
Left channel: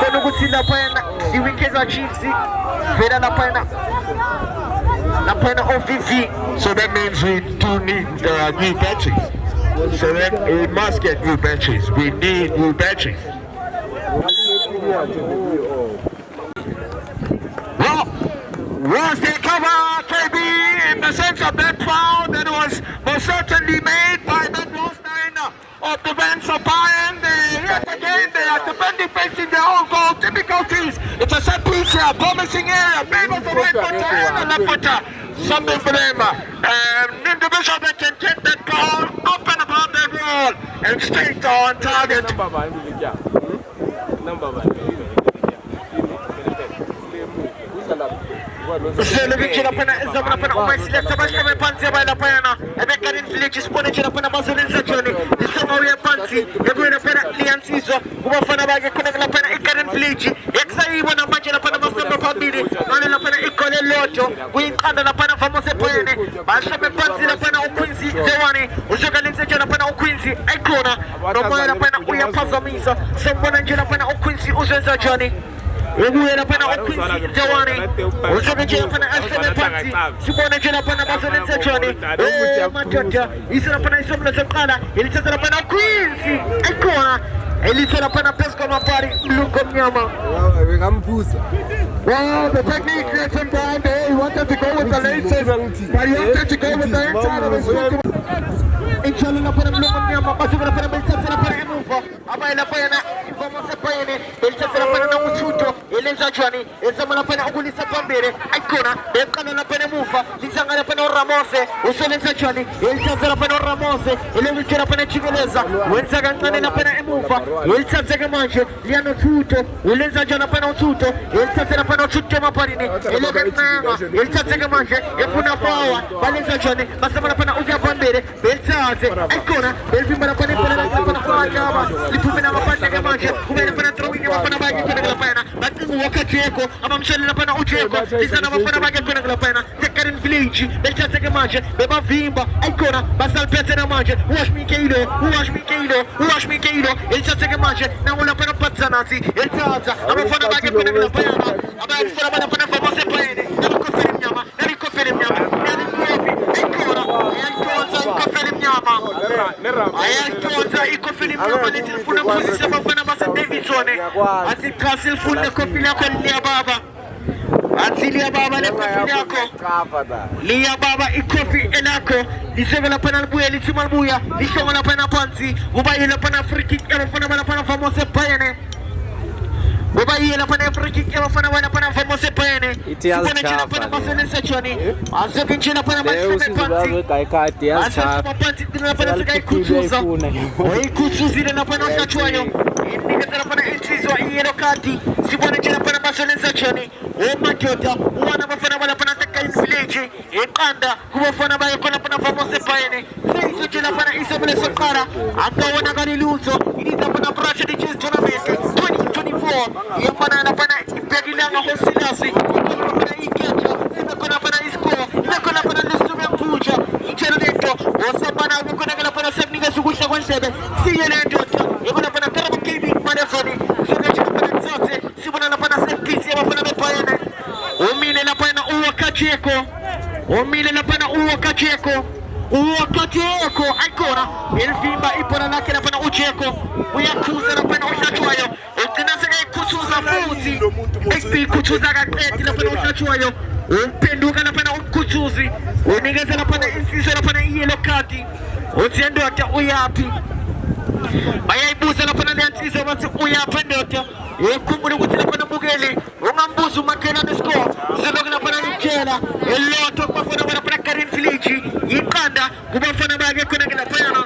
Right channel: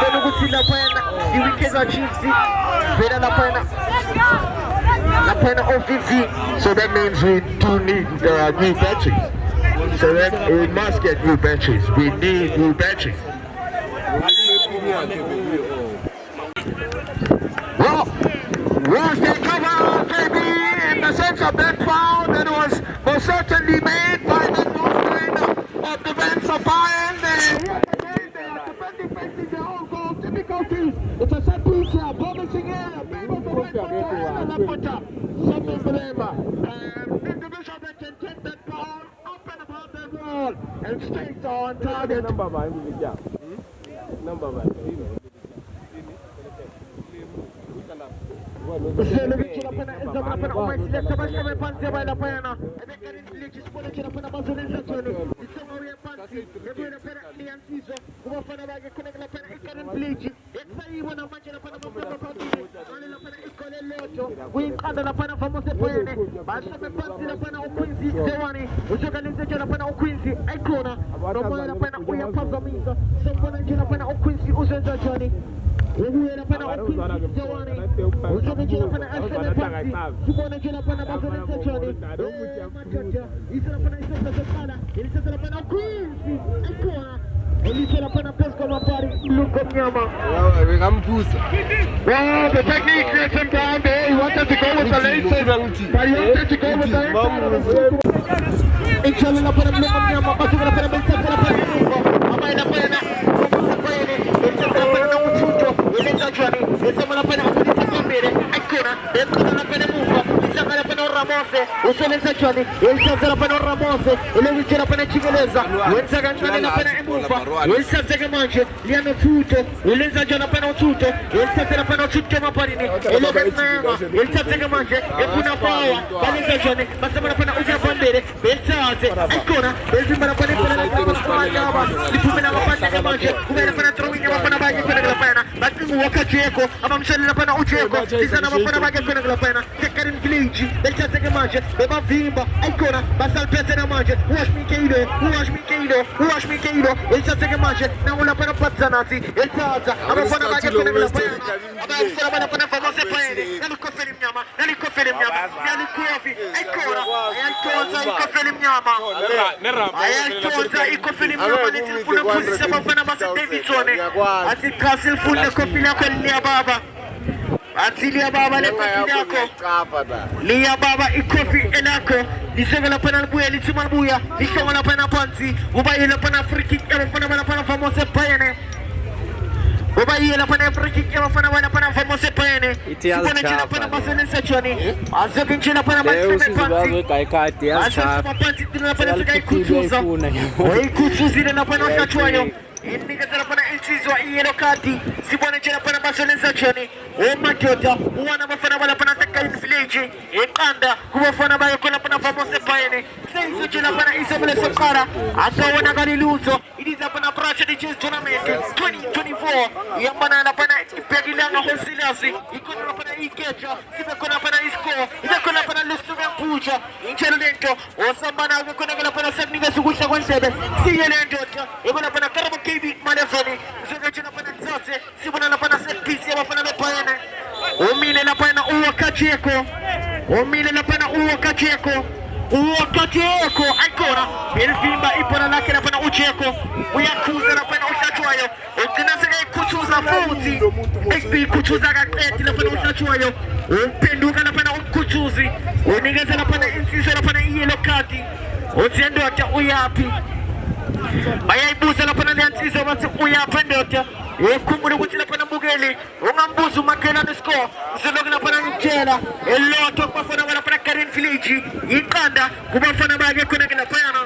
khona ukuthi lapha iwikeza Chiefs vela lapha OVV. So that means we do need new benches. So then we must get new benches. We need new benches. Well, was the cover, KB, in the sense of that foul that was most certainly made by the North of the Vans of Bayern. Yet again, they are defending facing their own goal difficulties. It's a set piece here, promising area, maybe for right footer and left footer. Something for them. The Bishop can get that ball up and above that wall and straight on target. Zelevich lapha izama lapha umayiselector basheme phansi yabala lapha eGarden Village sibone nje lapha bazolenza njani isongo uya phansi yekuye lapha liyansizwa kubafana bakhe khona lapha eGarden Village ekusayibona manje lapha amasonto phambili ngale lapha igole lodwa kuyiqanda lapha famous ePoyene basheme phansi lapha uQuincy Zewani uzoka lenze nje lapha uQuincy ayikhona nomoya lapha uyaphazamisa sibona nje lapha uQuincy uzenza njani Ebu yana pana Okwisi Jawani. Usone jela pana Ashton Panti. Sibone jela pana Mazone Sechoni. Matata. Isana pana Isopla Sekala. Ilicheza pana Okwisi. Ekona. Ilicheza pana Pesco Mapari. Luko Mnyama. Ngampusa. Wow, the technique creates him down there. He wanted to go with the laces, but he wanted to go with the inside of his foot. Inshallah, na para Luko Mnyama. Basi na para Mzansi na para Luko. Ama ina para Mzansi na para Mchuto. Ile Johnny. Ile na para Kulisa Kambere. Ekona na para Mufa. Kisanga na para Ramose. Usone Johnny. Ile na para Ramose. Ile na para Chingeleza. Ile na para Mufa. Ile na Manje. Liano Tuto. Ile na para Tuto. Ile pana chuto maparini ile kana ile manje ekuna pawa bali Johnny basi pana uja bandere beltaze ekona belti pana pana lipumena mapanda manje kumena pana trowinya pana bagi kuna pana bati wakati yako ama mshali na pana ucheko kisa na pana bagi kuna pana tekarin village beltaze manje beba vimba ekona basi alpete na manje wash me kilo beltaze manje na wala pana patsanati beltaza ama pana bagi kuna pana Abang mana pernah famous apa ini? Nari film nyama. Nari film nyama. Ayah film nyama ni telefon posisi apa pernah masuk Davidson ni. Asyik kasih phone ni kopi nak lihat baba. Asyik lihat baba ni kopi aku. Lihat baba kopi enako. Isevela pernah buaya, lisimal buaya. Isevela pernah pansi. Ubaya pernah free kick. Pernah famous apa ini? Baba yela pana friki kama fana wana pana famose pane. Sipone china pana masene sechoni. Azokin china pana masene panti. Kai kati ya cha. Panti tuna pana sekai kuchuza. Oi kuchuzile na pana chachwanyo. Indike tana pana inchizwa yelo kati. Sipone china pana masene sechoni. O majota wana mafana wana pana sekai village. Ekanda kuwa fana bayo kona pana famose pane. Sasa china pana isomele sokara. Akaona gari luzo. Iliza pana pracha di chess tournament 2024. Yang mana na pana ipegilanga hosilasi ikona pana ikecha ikona pana isko ikona pana lusume mpuja interneto osabana ikona pana sabninga sugusha kwa sebe siyele njota ikona pana karaba kibi manefoni sona china pana Mzansi sibona na pana sepisi ya pana mepayene umile na pana uwakacheko umile na pana uwakacheko uwakacheko aikora elvimba ipona lake na pana ucheko uyakuza na pana ushachwayo ukinasega kuchuza futhi SP kuchuza kaqedi lapha ushachwayo uphenduka lapha ukuchuzi unikeza lapha insizwe lapha iyelo card uthi ndoda uyapi bayayibuza lapha leyansizwe bathi uyaphi ndoda ukhumbule ukuthi lapha mbukeli ungambuza umakela nescore uzoke lapha ngitshela elotho kubafana lapha Karin village iqanda kubafana bake khona lapha yana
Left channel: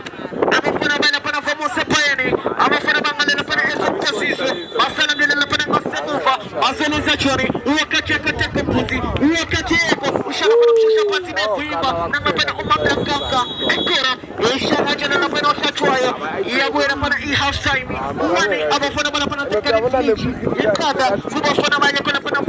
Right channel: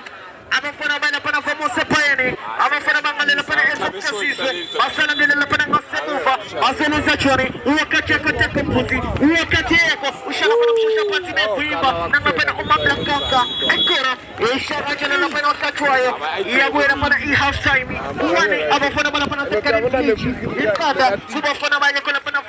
abafana bana pana famose payene abafana bangale lapha esopasizwe basala ngene lapha ngasemuva baselenza chori wakati akathe komputi wakati yako ushaka pana mshosha phansi nevimba nangapena umabla kaka ekora ushaka jana lapha ohlachwayo iyabuya pana i-half time uwani abafana bana pana Karin village iqanda kubafana bake khona pana